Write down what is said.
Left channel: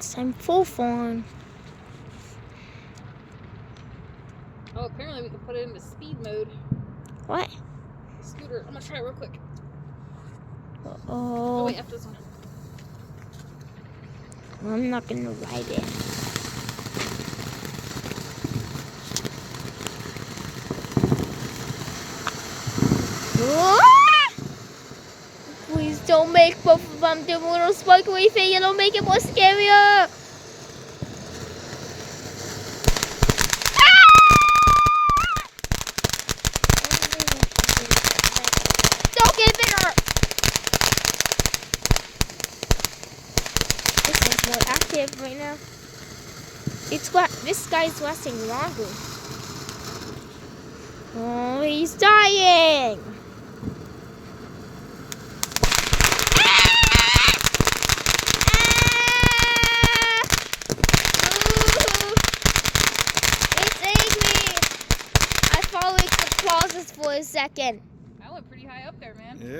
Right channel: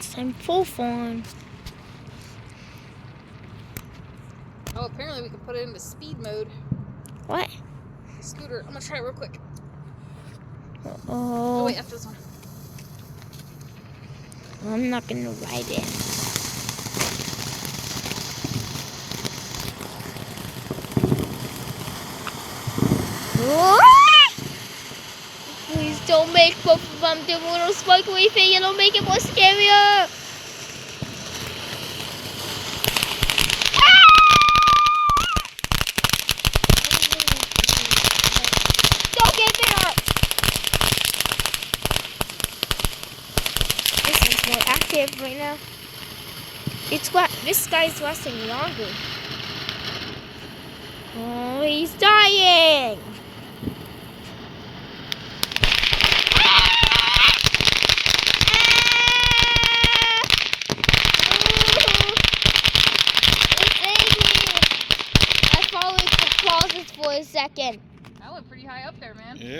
Once I'm full form. Oh, apparently we can put it into speed mode. What? The scooter. I'm gonna try it real quick. Oh. Oh wait, after this one. I'm not gonna ride it. Please don't make both of them do a little sparkly thing. It'll make it more scarier. Don't get there. This one's more active right now. This guy's lasting longer. Oh, he's dying. For a second. I went pretty high up there, man. Yeah.